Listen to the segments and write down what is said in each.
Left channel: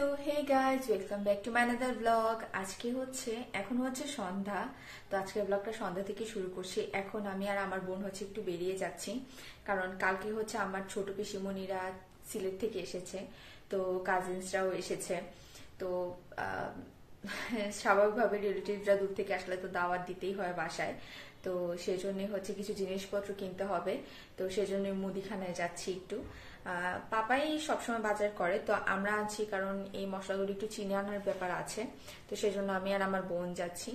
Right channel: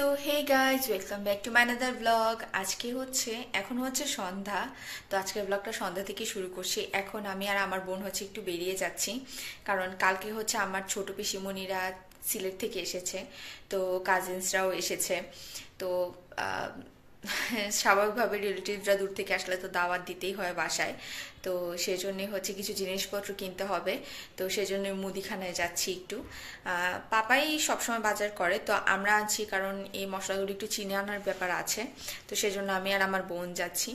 So hey guys welcome back to my another blog. আজকে এখন হচ্ছে সন্ধ্যা। তো আজকের ব্লগটা সন্ধ্যা থেকে শুরু করছি। এখন আমি আর আমার বোন একটু বেরিয়ে যাচ্ছি, কারণ কালকে আমার ছোট পিসিমণিরা সিলেট থেকে এসেছে, তো কাজিনসরাও এসেছে। তো স্বাভাবিকভাবে রিলেটিভরা দূর থেকে আসলে তো দাওয়াত দিতেই হয় বাসায়। তো সেজন্য কিছু জিনিসপত্র কিনতে হবে। তো সেজন্য মুদিখানায় যাচ্ছি একটু। পাপাই সবসময় বাজার করে, তো আমরা আছি কারণ এই মশলাগুলো একটু চিনে আনার ব্যাপার আছে। তো সেজন্য আমি আর আমার বোন যাচ্ছি।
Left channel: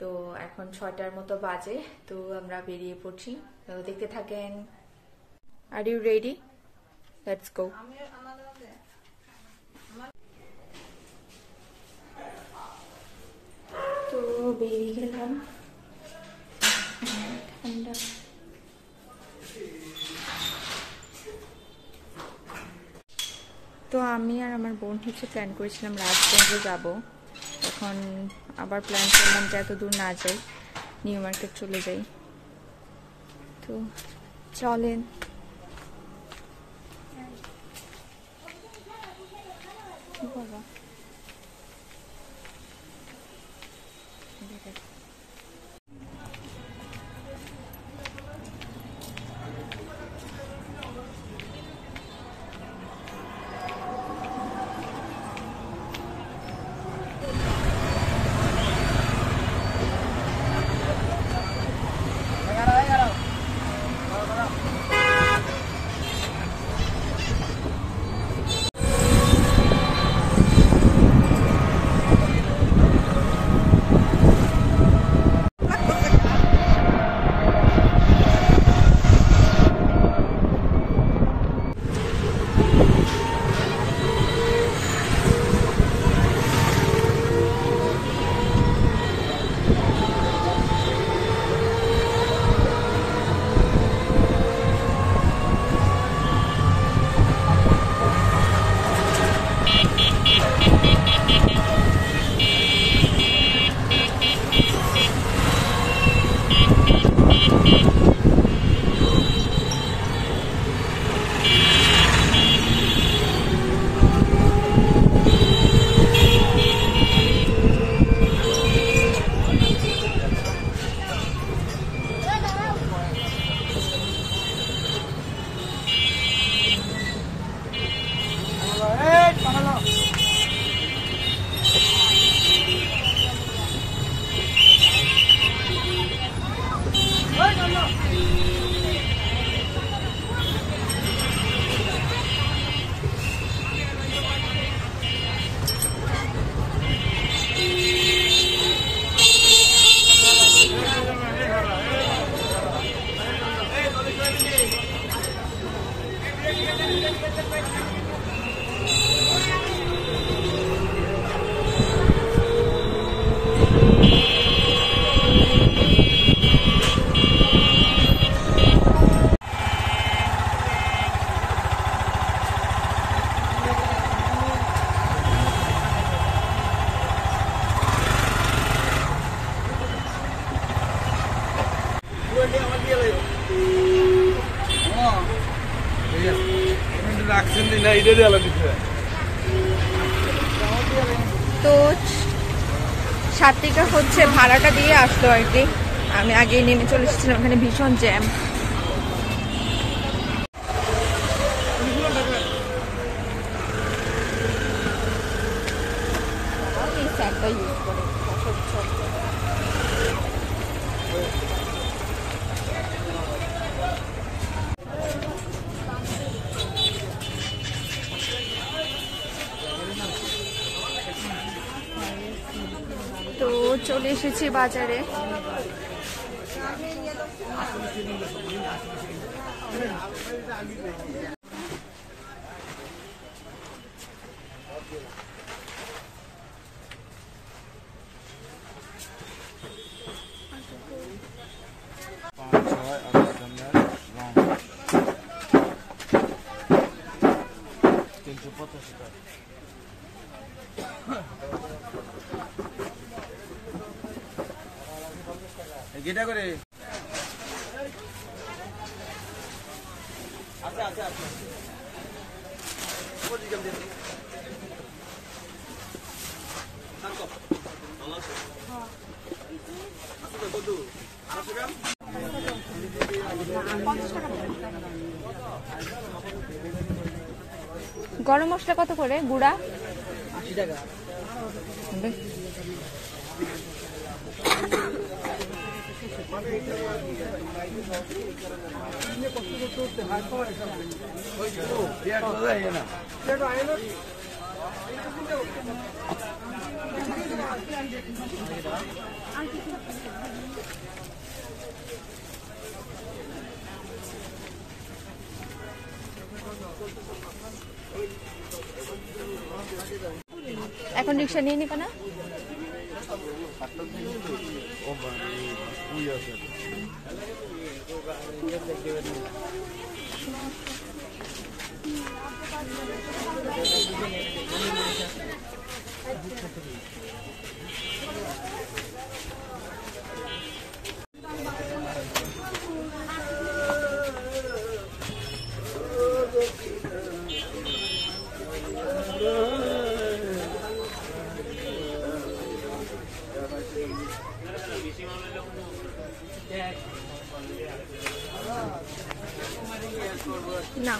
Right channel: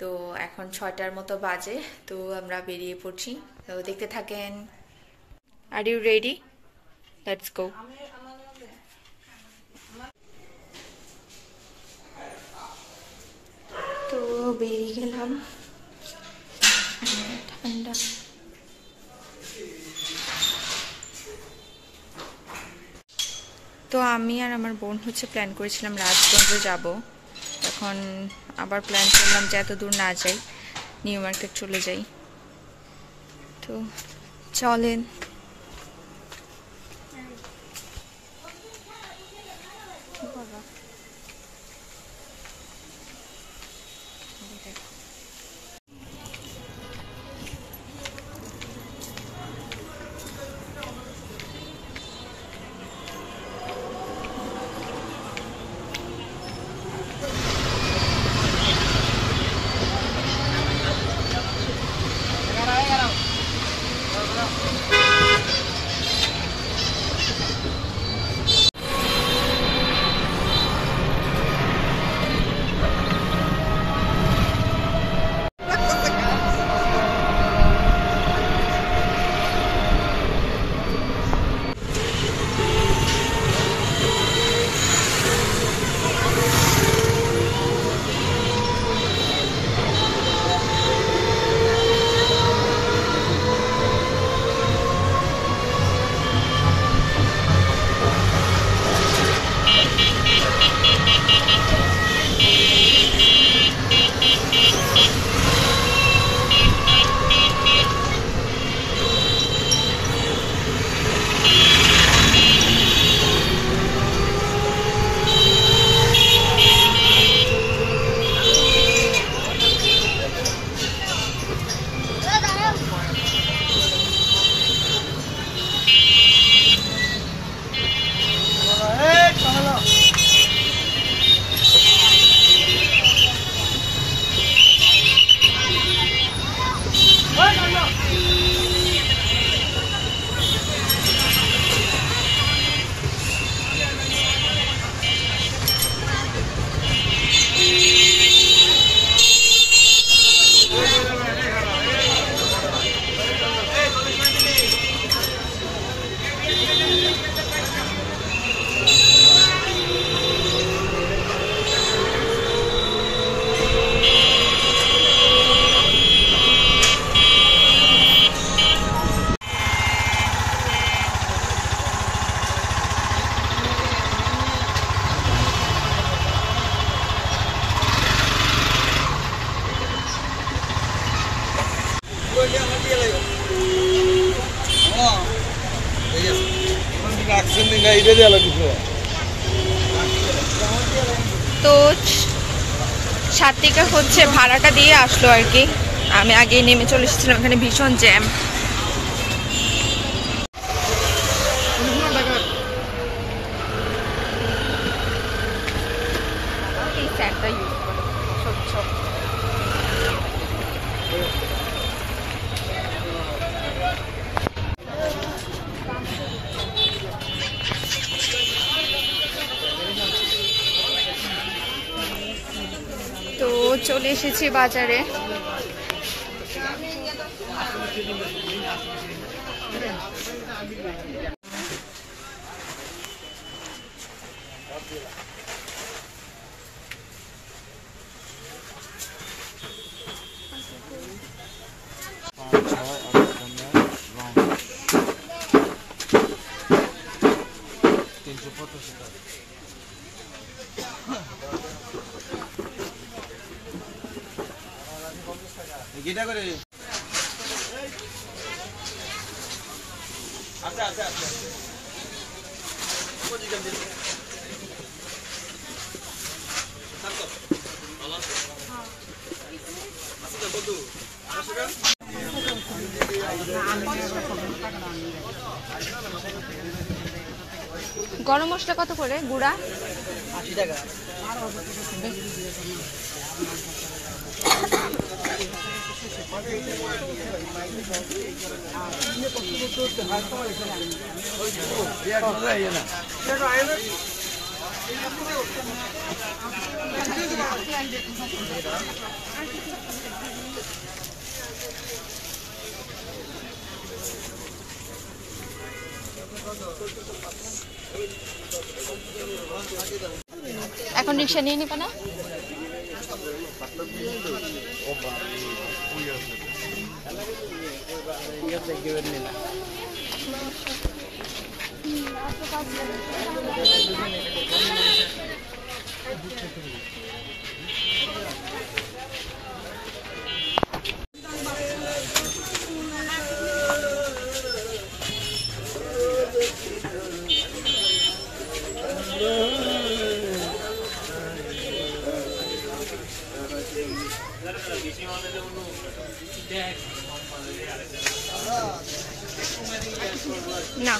তো এখন 6টার মতো বাজে, তো আমরা বেরিয়ে পড়ছি। তো দেখতে থাকেন। Are you ready? Let's go. তো বেরিয়ে গেলাম। ঠান্ডা। তো আমি আর আমার বোন প্ল্যান করেছিলাম রাজগঞ্জ যাব। এখন আবার প্ল্যান করলাম যে এত দূর না যাই, নিউ মার্কেট চলে যাই। তো চলেন। বাবা তো সাত্বিকা ভাড়াটা দিয়ে আসলো আর কি। আমি আগেই নেমে চলে এসেছিলাম, এখানে ভীষণ জ্যাম। এই স্যারটা ইউজ করে অস্বচ্ছ। তো চলে এসেছি বাজারে। গিটা করে আচ্ছা আচ্ছা আচ্ছা গরম মশলা কত করে গুঁড়া? 80 টাকা। এখন রিক্সা নিয়ে নিবে না? না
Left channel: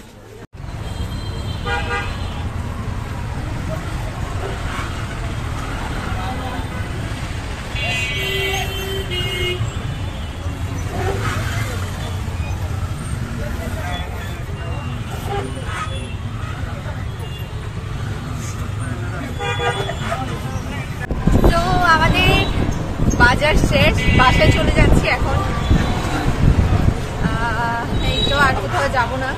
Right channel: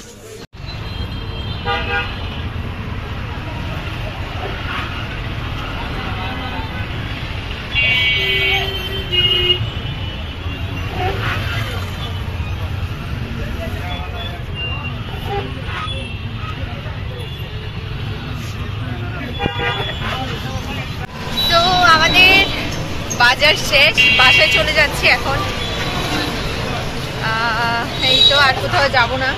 তো আমাদের বাজার শেষ, বাসায় চলে যাচ্ছি এখন। এই তো আর কোথাও যাব না।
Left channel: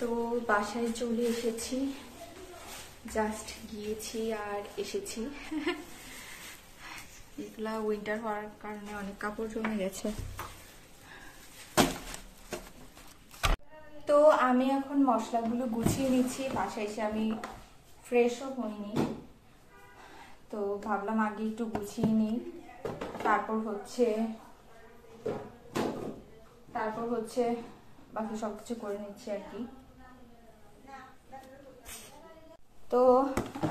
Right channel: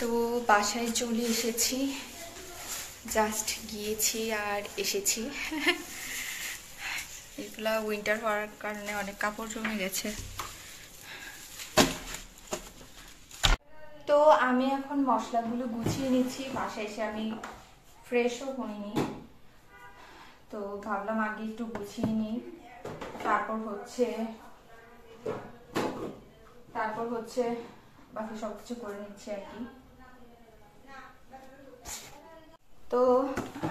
তো বাসায় চলে এসেছি, জাস্ট গিয়েছি আর এসেছি। এগুলা উইন্টার হওয়ার কারণে অনেক কাপড় জমে গেছে। তো আমি এখন মশলাগুলো গুছিয়ে নিচ্ছি। বাসায় এসে আমি ফ্রেশও হইনি, তো ভাবলাম আগে একটু গুছিয়ে নিই, তারপর হচ্ছে বাকি সবকিছু করে নিচ্ছি আর কি। তো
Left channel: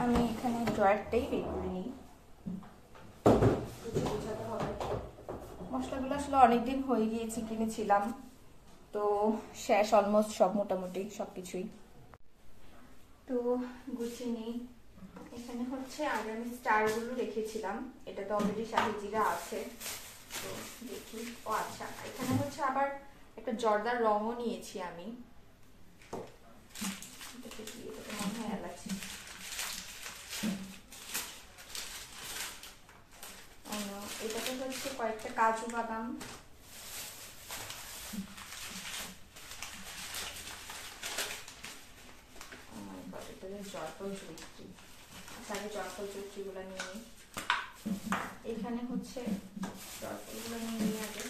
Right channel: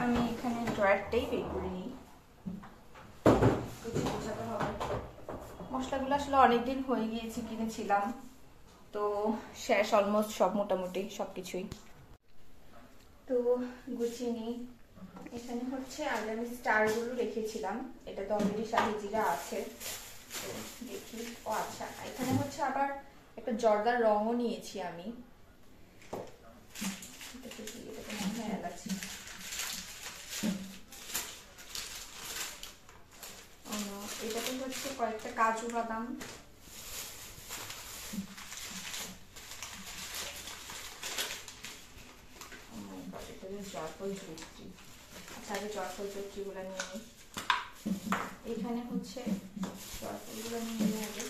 আমি এখানে ড্রয়ারটাই বের করে নিই, বোঝাতে হবে। মশলাগুলো আসলে অনেকদিন হয়ে গিয়েছে, কিনেছিলাম, তো শেষ অলমোস্ট সব, মোটামুটি সবকিছুই। তো গুছিয়ে নিই। এখানে হচ্ছে আগে আমি স্টারগুলো রেখেছিলাম, এটাতে অলরেডি শাহি জিরা আছে। তো দেখি, ও আচ্ছা, এখানে হচ্ছে আবার একটা জর্দার রঙও নিয়েছি আমি। এটাতে হচ্ছে কয়েকটা কাজু বাদাম, জয়ফল জয়ত্রী, আগে জয়ফল জয়ত্রী গুলা নিয়ে নিই। এখানে হচ্ছে জয়ফল গুলো নিয়ে নিয়ে আগে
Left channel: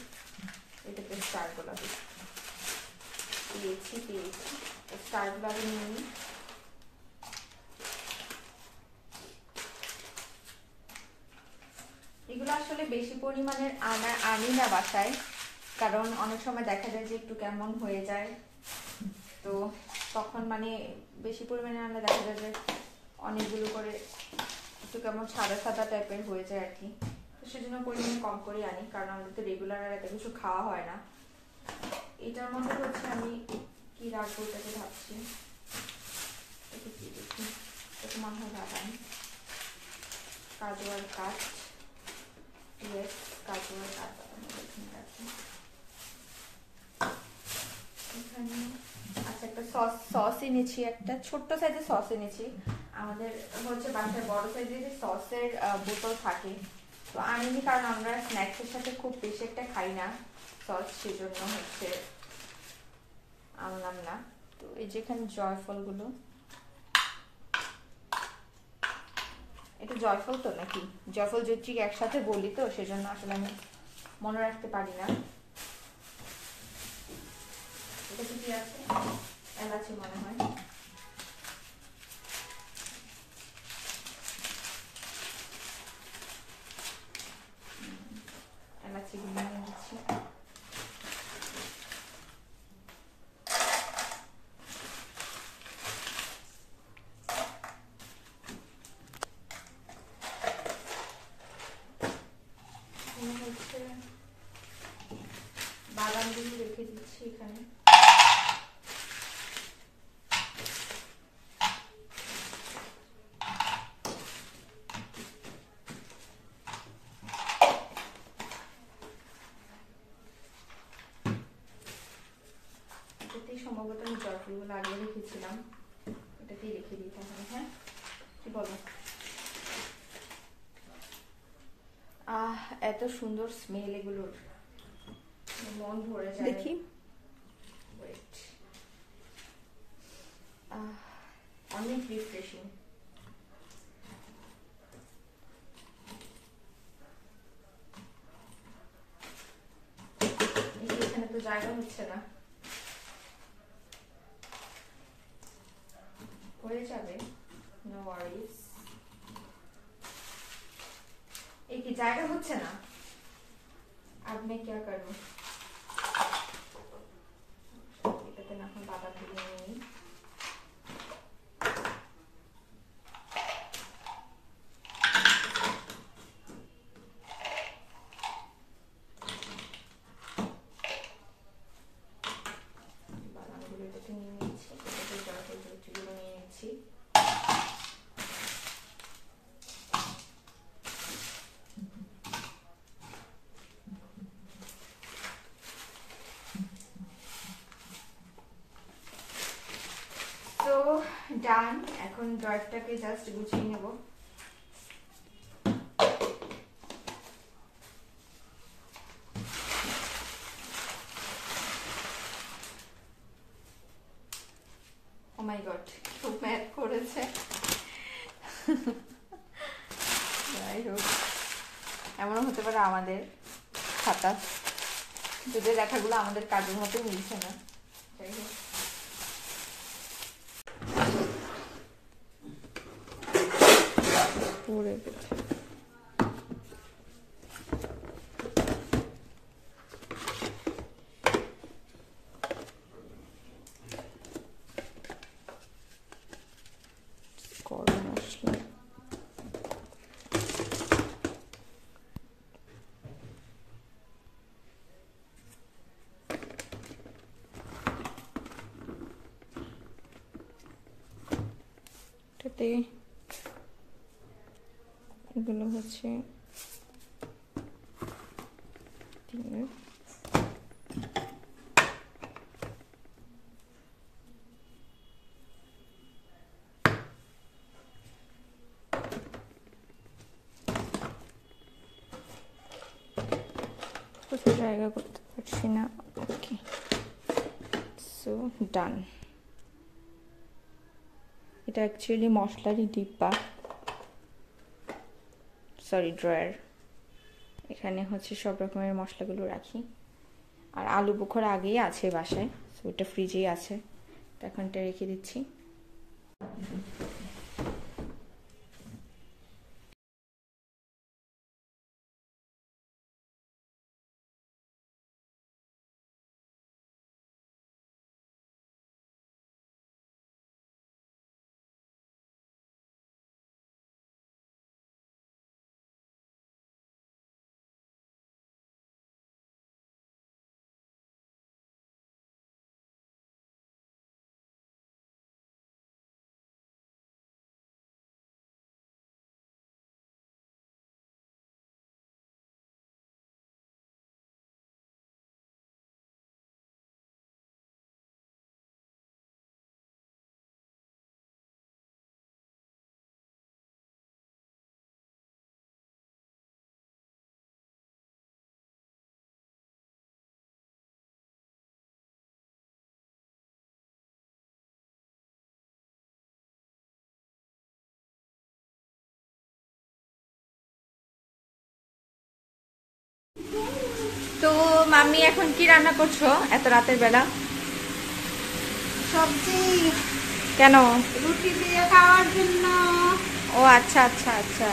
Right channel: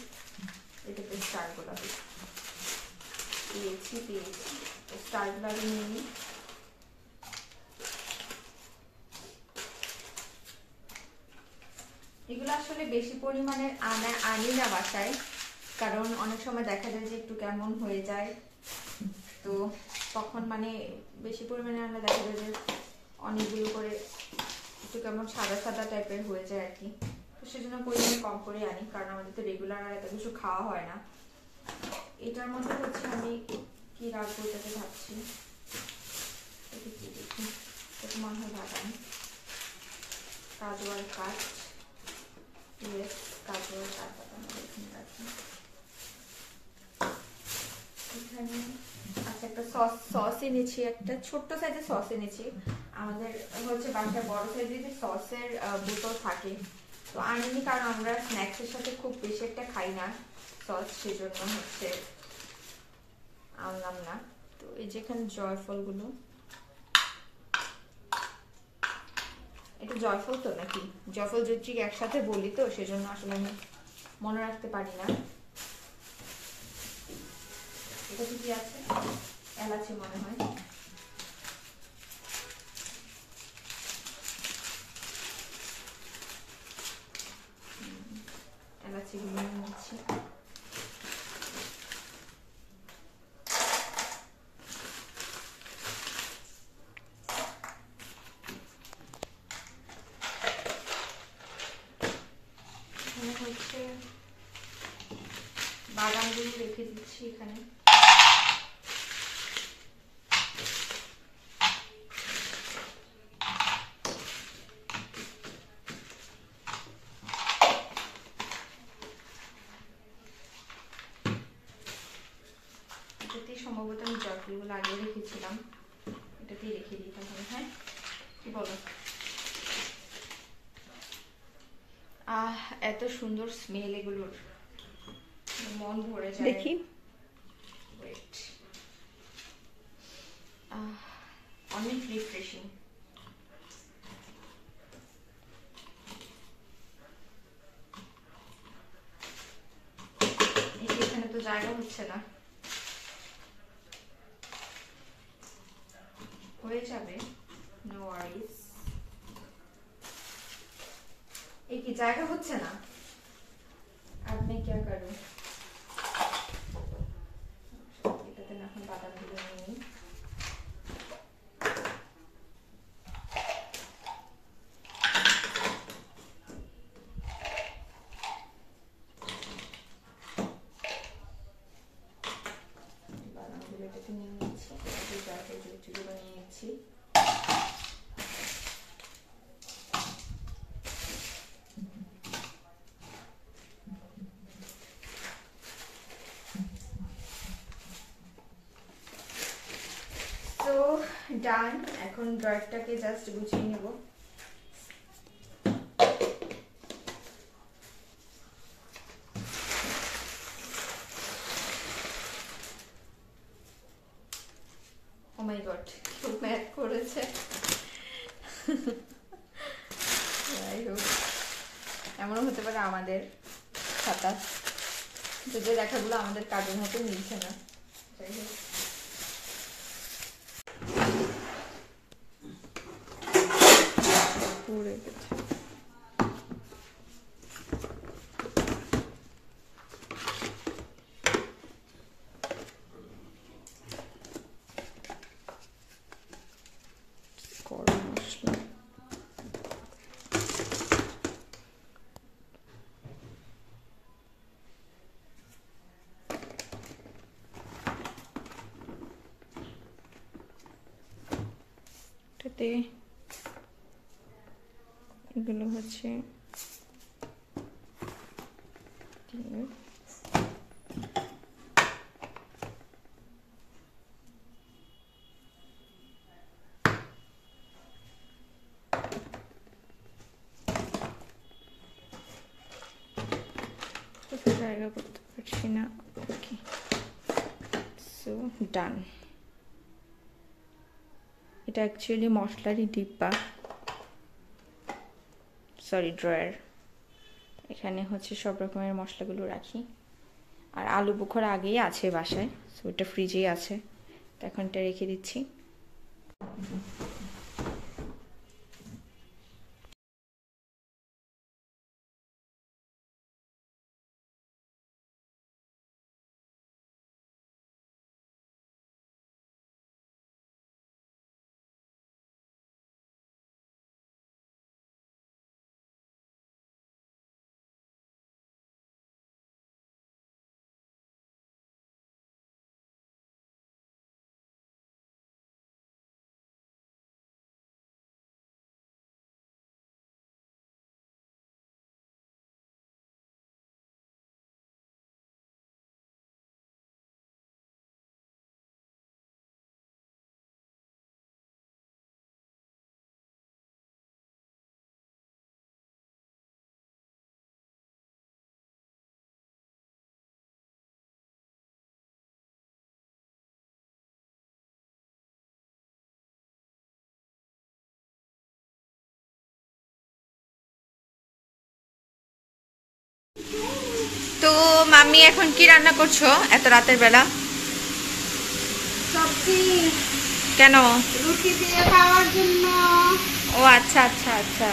এটাতে স্টার গোলাপি পেয়েছি, স্টার গোলাপি নিয়ে নিই। এগুলো আসলে বেশি পরিমাণে আনি না বাসায়, কারণ অনেক সময় দেখা যায় যে একটু কেমন হয়ে যায়, তো তখন মানে বেশি পরিমাণে আনলে দেখা যায় যে অনেকগুলো করে একটু কেমন সাদা সাদা টাইপের হয়ে যায় আর কি। তো সেজন্য পরিমাণে কম করে আনি, কারণ আমাদের তো রেগুলার আর এত কিছু খাওয়া হয় না। এটার মধ্যে হচ্ছে আমি কি রাখবো এটাকে ভাবছি, দেখি এটা মনে হয় বাদাম, কাজু আর কাঠ, গাজর আর বাদাম এখানে রাখি। এখানে আচ্ছা একটা সস এনেছি, একটা ছোট্ট সাইজের সস এনেছি। আমাদের হচ্ছে বাসায় বড় সাইজের যে সসের বোতল থাকে, তো আনিনি কারণ আমরা স্ন্যাক্সের সাথে খুব বেশি একটা খাই না সস, সেজন্য হচ্ছে আনলাম না। তো এই যেখানে জয়ফলগুলো, এটা জয়ফল তো নাকি জয়ফল জয়ত্রী একসাথে বলি, তো সেজন্য আসলে আমি মনে রাখতে পারি না। এটা কি আছে? এলাচি মনে হয়। এলাচি গুলো নিচ্ছি। হচ্ছে বাদাম গুলো রেখে দিচ্ছি এখানে। এটাতেই সম্ভবত আমি জয়ফলগুলো আগে রেখেছিলাম, এটাতেই রেখে দিই তাহলে। হ্যাঁ কি বলো? এত সুন্দর স্মেল এগুলোর, মন ভরে যায়। দেখি অনেক রিফ্রেশিং। এখানে তো জায়গা হচ্ছে না, হয়ে যাবে, নো ওয়ারিস। এই কি জায়গা হচ্ছে না, আপনি কি করবেন? এটাতে এখন বাদাম দিয়ে নিই। বাদামগুলো এটাতে নিয়ে নিচ্ছি, এটাতে জয়ফল জয়ত্রীগুলো নিয়ে নিচ্ছি। তো ডান, এখন ড্রয়ারটাকে জাস্ট গুছিয়ে নেব। ও মাই গড, খুব ম্যাথ করেছে। এমনও হতে পারে আমাদের খাতা, যদি লেখাগুলো আমাদের কাজের মতো মিলছে না। যাই হোক, পড়ে গেছে। গরম মশলা, এটাতে এগুলো হচ্ছে কোথাও জায়গা করতে পারছি না। ওকে, সো ডান। এটা অ্যাকচুয়ালি মশলারই ডিব্বা, সরি ড্রয়ার। এখানে হচ্ছে সব রকমের মশলাগুলো রাখি। আর আলু বোখরা আগেই আছে বাসায়, সো এটা ফ্রিজেই আছে, তো এখন এটা রেখে দিচ্ছি। মাম্মি এখন কি রান্না করছো এত রাতের বেলা? সবজি কেন? রুটি দিয়ে খাওয়ার জন্য। ও আচ্ছা আচ্ছা আচ্ছা।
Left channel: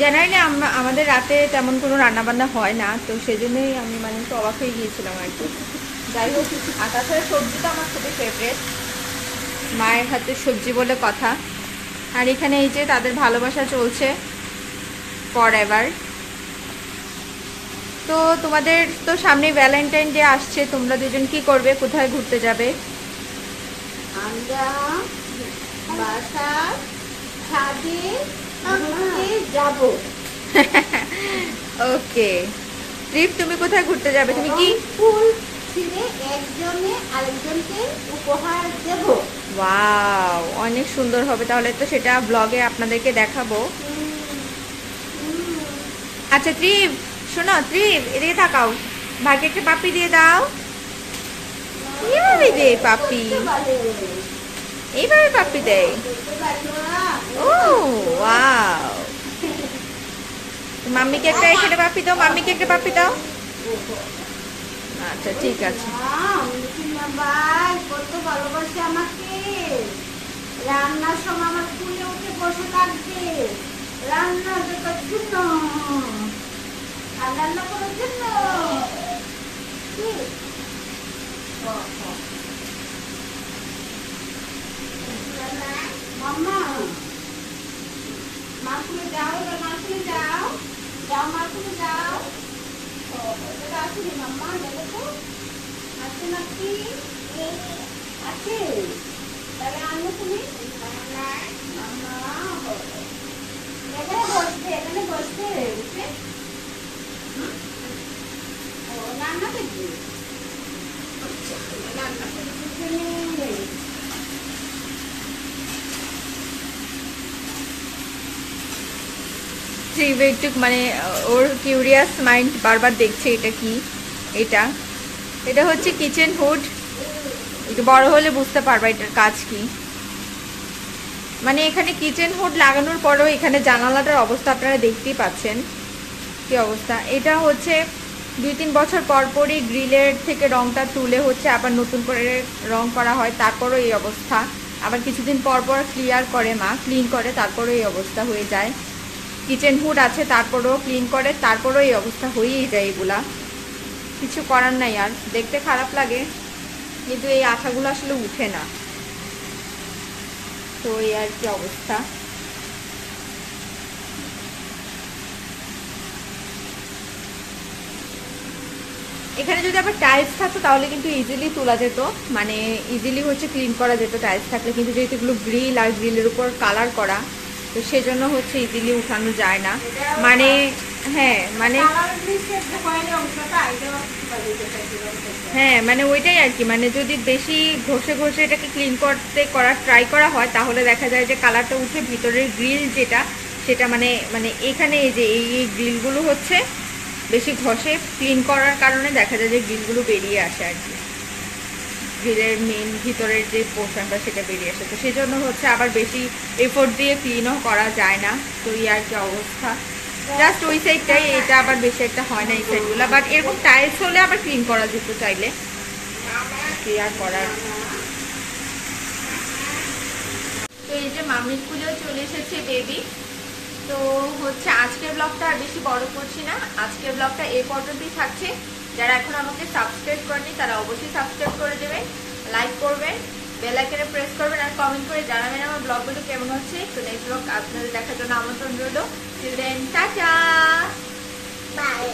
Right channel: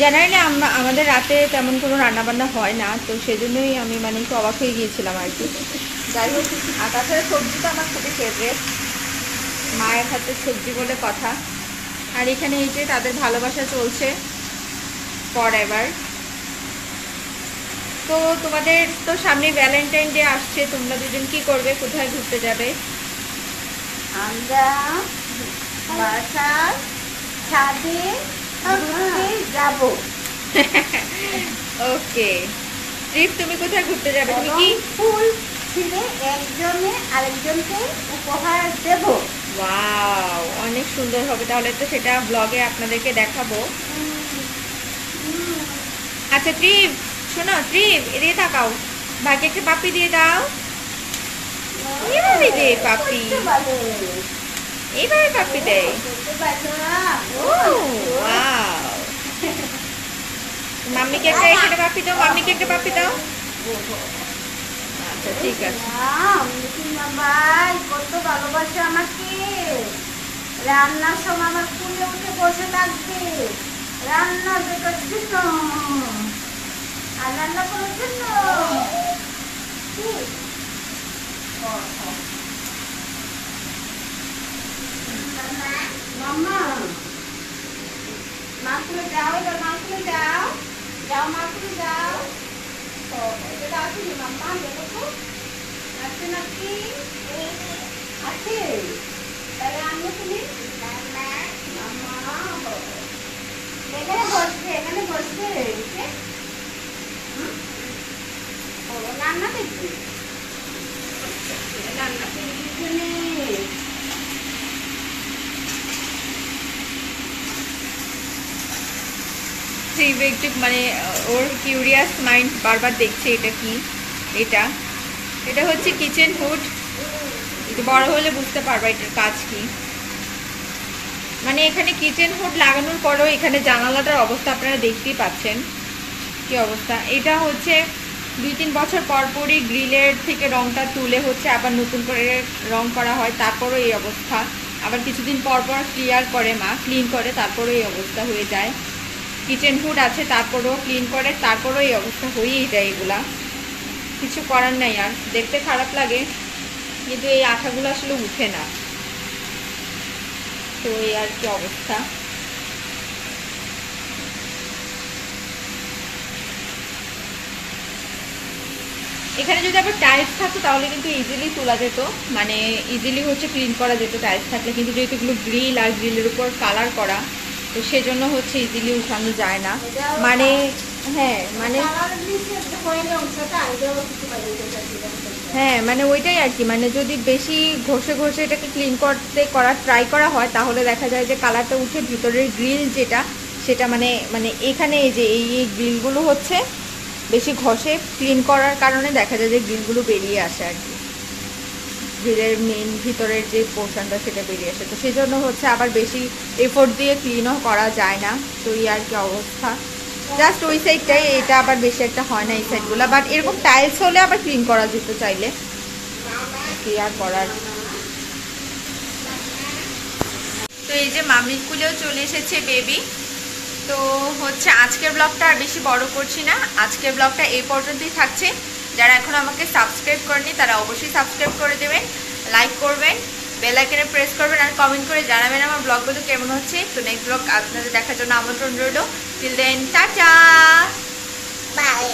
জেনারেলি আমাদের রাতে তেমন কোনো রান্না বান্না হয় না, তো সেজন্যই আমি মানে একটু অবাক হয়ে গিয়েছিলাম আর কি। যাই হোক, আর তাছাড়া সবজি তো আমার খুবই ফেভারেট, মায়ের হাতের সবজি বলে কথা। আর এখানে এই যে তাদের ভালোবাসা চলছে ফর এভার। তো তোমাদের তো সামনে ভ্যালেন্টাইন ডে আসছে, তোমরা দুজন কি করবে, কোথায় ঘুরতে যাবে? আমরা বাসার ছাদে ঘুরতে যাব। ওকে, ট্রিপ তুমি কোথায় ঘুরতে যাবে? তুমি কি ফুল ছিঁড়ে একজনে আরেকজনকে উপহার দেব। ওয়াও, অনেক সুন্দর হবে তাহলে তো, সেটা ব্লগে আপনাদেরকে দেখাবো। আচ্ছা ট্রিপ, শোনো ট্রিপ, এদিকে তাকাও, ভাইকে একটা পাপ্পি দিয়ে দাও। এইভাবে দে পাপ্পি, এইভাবে পাপ্পি দেয়। ও ওয়াও, মাম্মিকে একটা এখানে পাপ্পি দাও, মাম্মিকে একটা পাপ্পি দাও। আচ্ছা ঠিক আছে। ভাই কত ভালোবাসে আমাকে, রান্নার সময় আমার কুলে উঠে বসে থাকবে, রান্না দেখার জন্য আর রান্না করার জন্য। মাম্মা, মা কুলে যাও, মা কুলে যাও, যাও মা কুলে যাও। এটা আসেনি মাম্মা, দেখো তো আছে নাকি? আছে, তাহলে আনো তুমি। মাম্মা এখানে বসছে, এখানে বসছে। ও রান্না দেখবে, রান্না করে পিছনে। একটু মানে ওর কিউরিয়াস মাইন্ড বারবার দেখছে এটা কি। এটা এটা হচ্ছে কিচেন হুড, একটু বড় হলে বুঝতে পারবা এটার কাজ কি। মানে এখানে কিচেন হুড লাগানোর পরেও এখানে জানালাটার অবস্থা আপনারা দেখতেই পাচ্ছেন কি অবস্থা। এটা হচ্ছে 2-3 বছর পর পরই গ্রিলের থেকে রংটা তুলে হচ্ছে আবার নতুন করে রং করা হয়, তারপরও এই অবস্থা। আবার কিছুদিন পর পর ক্লিয়ার করে মা, ক্লিন করে, তারপরও এই অবস্থা হয়ে যায়। কিচেন হুড আছে তারপরেও ক্লিন করে, তারপরেও এই অবস্থা হয়েই যায়। এগুলা কিছু করার নাই, আর দেখতে খারাপ লাগে, কিন্তু এই আঠাগুলো আসলে উঠে না, তো এই আর কি অবস্থা। এখানে যদি আবার টাইলস থাকতো তাহলে কিন্তু ইজিলি তোলা যেত, মানে ইজিলি হচ্ছে ক্লিন করা যেত টাইলস থাকলে, কিন্তু যেহেতু এগুলো গ্রিল আর গ্রিলের উপর কালার করা, তো সেজন্য হচ্ছে ইজিলি উঠানো যায় না। মানে হ্যাঁ মানে হ্যাঁ মানে ওইটাই আর কি, মানে যদি বেশি ঘষে ঘষে এটাকে ক্লিন করার ট্রাই করা হয় তাহলে দেখা যায় যে কালারটা উঠে ভিতরের গ্রিল যেটা সেটা মানে মানে এখানে এই যে এই গ্রিলগুলো হচ্ছে বেশি ঘষে ক্লিন করার কারণে দেখা যায় যে গ্রিলগুলো বেরিয়ে আসে আর কি, গ্রিলের মেন ভিতরের যে পোর্শনটা সেটা বেরিয়ে আসে, তো সেই জন্য হচ্ছে আবার বেশি এফোর্ট দিয়ে ক্লিনও করা যায় না। তো এই আর কি অবস্থা, জাস্ট ওই সাইডটাই, এটা আবার বেশি একটা হয় না এই সাইডগুলো, বাট এরকম টাইলস হলে আবার ক্লিন করা যেত চাইলে, কি আর করার। তো এই যে মামির কুলেও চলে এসেছে বেবি। তো হচ্ছে আজকের ব্লগটা আর বেশি বড় করছি না, আজকের ব্লগটা এই পর্যন্তই থাকছে। যারা এখন আমাকে সাবস্ক্রাইব করেনি তারা অবশ্যই সাবস্ক্রাইব করে দেবেন, লাইক করবেন, বেল আইকনে প্রেস করবেন, আর কমেন্ট করে জানাবেন আমার ব্লগগুলো কেমন হচ্ছে। তো নেক্সট ব্লগ আপনাদের দেখার জন্য আমন্ত্রণ রইল। Till then tata, by.